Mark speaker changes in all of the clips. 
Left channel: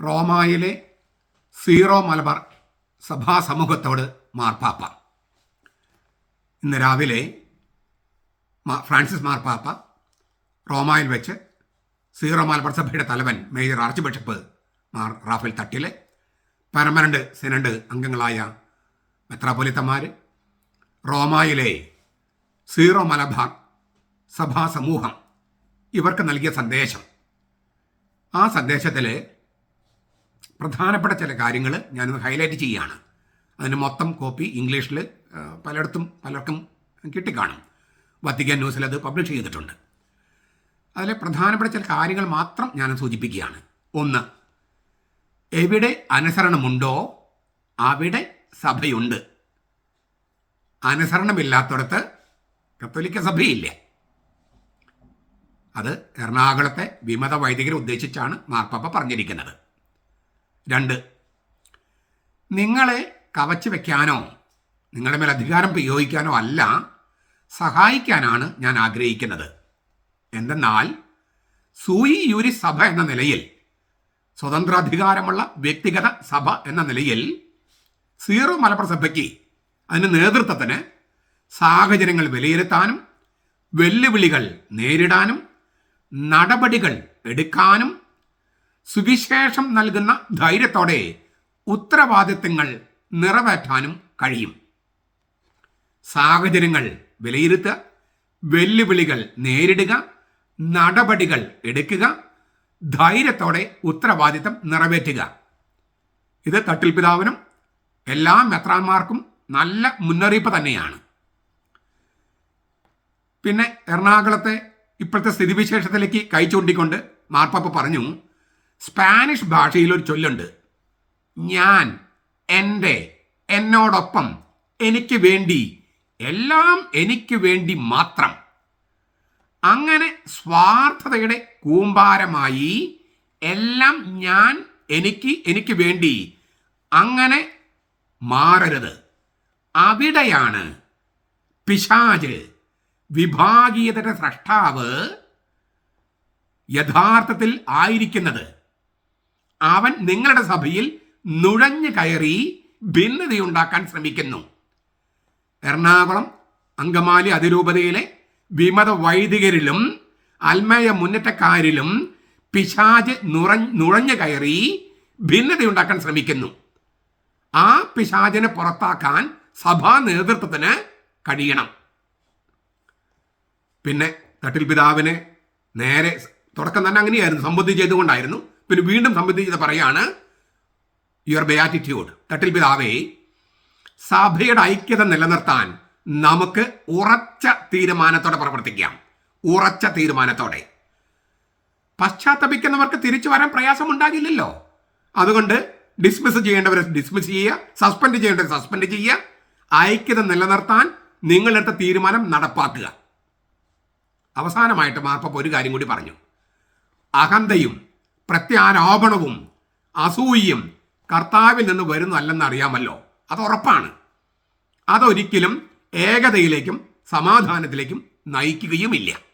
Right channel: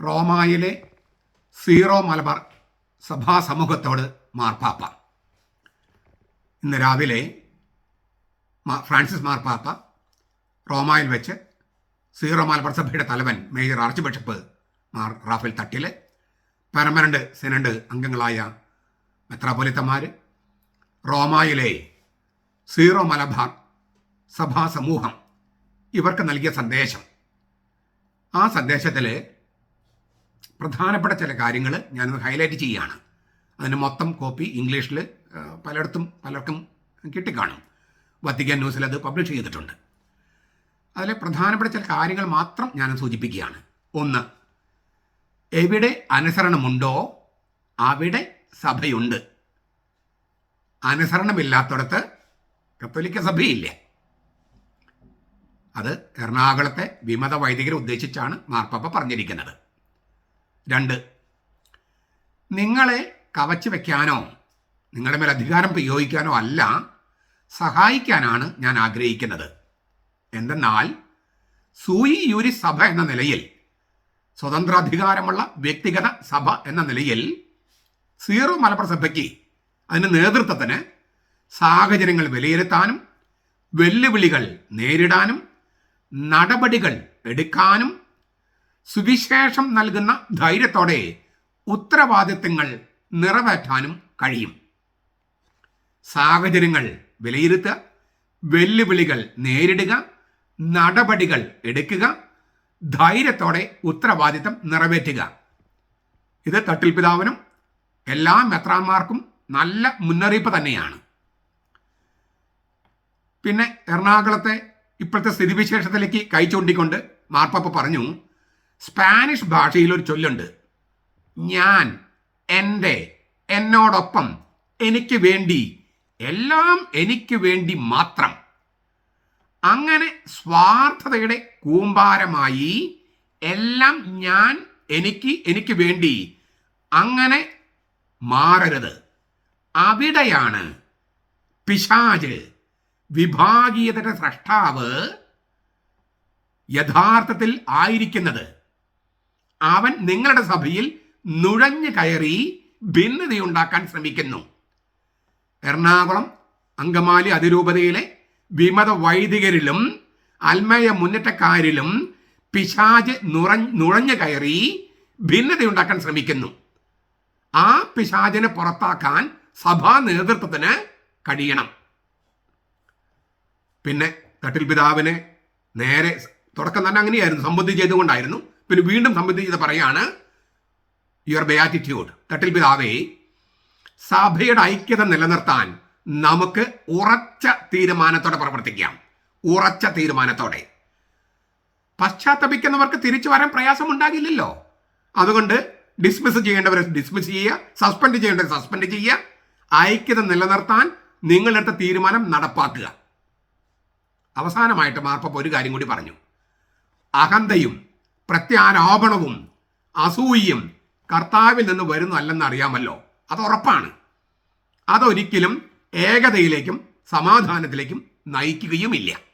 Speaker 1: റോമായിലെ zero Malabar സഭാ സമൂഹത്തോട് മാർപ്പാപ്പ. ഇന്ന് രാവിലെ ഫ്രാൻസിസ് മാർപ്പാപ്പ റോമായിൽ വെച്ച് സീറോ മലബാർ സഭയുടെ തലവൻ major archbishop Mar Raphael Thattil permanent synod അംഗങ്ങളായ മെത്രാപൊലിത്തമാർ റോമായിലെ സീറോ മലബാർ സഭാ സമൂഹം ഇവർക്ക് നൽകിയ സന്ദേശം. ആ സന്ദേശത്തിൽ പ്രധാനപ്പെട്ട ചില കാര്യങ്ങൾ ഞാനൊന്ന് ഹൈലൈറ്റ് ചെയ്യുകയാണ്. അതിന് മൊത്തം കോപ്പി ഇംഗ്ലീഷിൽ പലയിടത്തും പലർക്കും കിട്ടിക്കാണും. വത്തിക്കാൻ ന്യൂസിൽ അത് പബ്ലിഷ് ചെയ്തിട്ടുണ്ട്. അതിലെ പ്രധാനപ്പെട്ട ചില കാര്യങ്ങൾ മാത്രം ഞാൻ സൂചിപ്പിക്കുകയാണ്. ഒന്ന് എവിടെ അനുസരണമുണ്ടോ അവിടെ സഭയുണ്ട്. അനുസരണമില്ലാത്തടത്ത് കത്തോലിക്ക സഭയില്ല. അത് എറണാകുളത്തെ വിമത വൈദികരെ ഉദ്ദേശിച്ചാണ് മാർപ്പാപ്പ പറഞ്ഞിരിക്കുന്നത്. രണ്ട്. നിങ്ങളെ കവച്ചു വയ്ക്കാനോ നിങ്ങളുടെ മേൽ അധികാരം പ്രയോഗിക്കാനോ അല്ല സഹായിക്കാനാണ് ഞാൻ ആഗ്രഹിക്കുന്നത്. എന്തെന്നാൽ സൂയി യൂരി സഭ എന്ന നിലയിൽ സ്വതന്ത്രാധികാരമുള്ള വ്യക്തിഗത സഭ എന്ന നിലയിൽ സീറോ മലപ്പുറ സഭയ്ക്ക് അതിന്റെ നേതൃത്വത്തിന് സാഹചര്യങ്ങൾ വിലയിരുത്താനും വെല്ലുവിളികൾ നേരിടാനും നടപടികൾ എടുക്കാനും സുവിശേഷം നൽകുന്ന ധൈര്യത്തോടെ ഉത്തരവാദിത്തങ്ങൾ നിറവേറ്റാനും കഴിയും. സാഹചര്യങ്ങൾ വിലയിരുത്തുക വെല്ലുവിളികൾ നേരിടുക നടപടികൾ എടുക്കുക ധൈര്യത്തോടെ ഉത്തരവാദിത്തം നിറവേറ്റുക. ഇത് തട്ടിൽ പിതാവിനും എല്ലാ മെത്രാന്മാർക്കും നല്ല മുന്നറിയിപ്പ് തന്നെയാണ്. പിന്നെ എറണാകുളത്തെ ഇപ്പോഴത്തെ സ്ഥിതിവിശേഷത്തിലേക്ക് കൈ ചൂണ്ടിക്കൊണ്ട് മാർപ്പാപ്പ പറഞ്ഞു സ്പാനിഷ് ഭാഷയിൽ ഒരു ചൊല്ലുണ്ട്. ഞാൻ എന്റെ എന്നോടൊപ്പം എനിക്ക് വേണ്ടി എല്ലാം എനിക്ക് വേണ്ടി മാത്രം. അങ്ങനെ സ്വാർത്ഥതയുടെ കൂമ്പാരമായി എല്ലാം ഞാൻ എനിക്ക് എനിക്ക് വേണ്ടി അങ്ങനെ മാറരുത്. അവിടെയാണ് പിശാജ് വിഭാഗീയതയുടെ സ്രഷ്ടാവ് യഥാർത്ഥത്തിൽ ആയിരിക്കുന്നത്. അവൻ നിങ്ങളുടെ സഭയിൽ നുഴഞ്ഞു കയറി ഭിന്നതയുണ്ടാക്കാൻ ശ്രമിക്കുന്നു. എറണാകുളം അങ്കമാലി അതിരൂപതയിലെ വിമത വൈദികരിലും അൽമയ മുന്നേറ്റക്കാരിലും പിശാജ് നുറ നുഴഞ്ഞു കയറി ഭിന്നതയുണ്ടാക്കാൻ ശ്രമിക്കുന്നു. ആ പിശാചിനെ പുറത്താക്കാൻ സഭാ നേതൃത്വത്തിന് കഴിയണം. പിന്നെ തട്ടിൽ പിതാവിനെ നേരെ തുടക്കം തന്നെ അങ്ങനെയായിരുന്നു സംബന്ധി ചെയ്തുകൊണ്ടായിരുന്നു. പിന്നെ വീണ്ടും സംബന്ധിച്ചത് പറയാണ് യുവർ ബയാറ്റിറ്റ്യൂഡ് തട്ടിൽ പിതാവേ സഭയുടെ ഐക്യത നിലനിർത്താൻ നമുക്ക് ഉറച്ച തീരുമാനത്തോടെ പ്രവർത്തിക്കാം. ഉറച്ച തീരുമാനത്തോടെ. പശ്ചാത്തപിക്കുന്നവർക്ക് തിരിച്ചു വരാൻ പ്രയാസമുണ്ടാകില്ലല്ലോ. അതുകൊണ്ട് ഡിസ്മിസ് ചെയ്യേണ്ടവരെ ഡിസ്മിസ് ചെയ്യുക സസ്പെൻഡ് ചെയ്യേണ്ടവരെ സസ്പെൻഡ് ചെയ്യുക ഐക്യത നിലനിർത്താൻ നിങ്ങളെടുത്ത തീരുമാനം നടപ്പാക്കുക. അവസാനമായിട്ട് മാർപ്പ ഒരു കാര്യം കൂടി പറഞ്ഞു. അഹന്തയും പ്രത്യാരോപണവും അസൂയയും കർത്താവിൽ നിന്ന് വരുന്നതല്ലെന്ന് അറിയാമല്ലോ. അത് ഉറപ്പാണ്. അതൊരിക്കലും ഏകതയിലേക്കും സമാധാനത്തിലേക്കും നയിക്കുകയുമില്ല.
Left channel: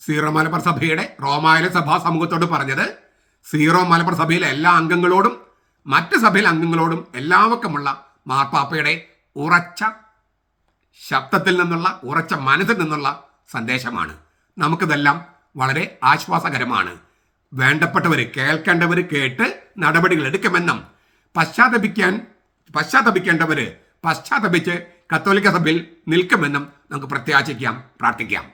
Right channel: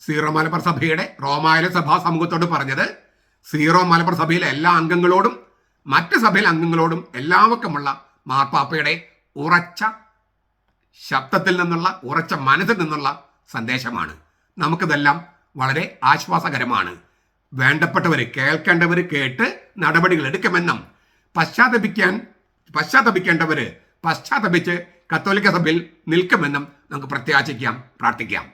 Speaker 1: സീറോ മലബാർ സഭയുടെ റോമായന സഭാ സമൂഹത്തോട് പറഞ്ഞത് സീറോ മലബാർ സഭയിലെ എല്ലാ അംഗങ്ങളോടും മറ്റ് സഭയിലെ അംഗങ്ങളോടും എല്ലാവർക്കുമുള്ള മാർപ്പാപ്പയുടെ ഉറച്ച ശബ്ദത്തിൽ നിന്നുള്ള ഉറച്ച മനസ്സിൽ നിന്നുള്ള സന്ദേശമാണ്. നമുക്കിതെല്ലാം വളരെ ആശ്വാസകരമാണ്. വേണ്ടപ്പെട്ടവർ കേൾക്കേണ്ടവർ കേട്ട് നടപടികൾ എടുക്കുമെന്നും പശ്ചാത്തപിക്കാൻ പശ്ചാത്തപിക്കേണ്ടവർ പശ്ചാത്തപിച്ച് കത്തോലിക്ക സഭയിൽ നിൽക്കുമെന്നും നമുക്ക് പ്രത്യാശിക്കാം പ്രാർത്ഥിക്കാം.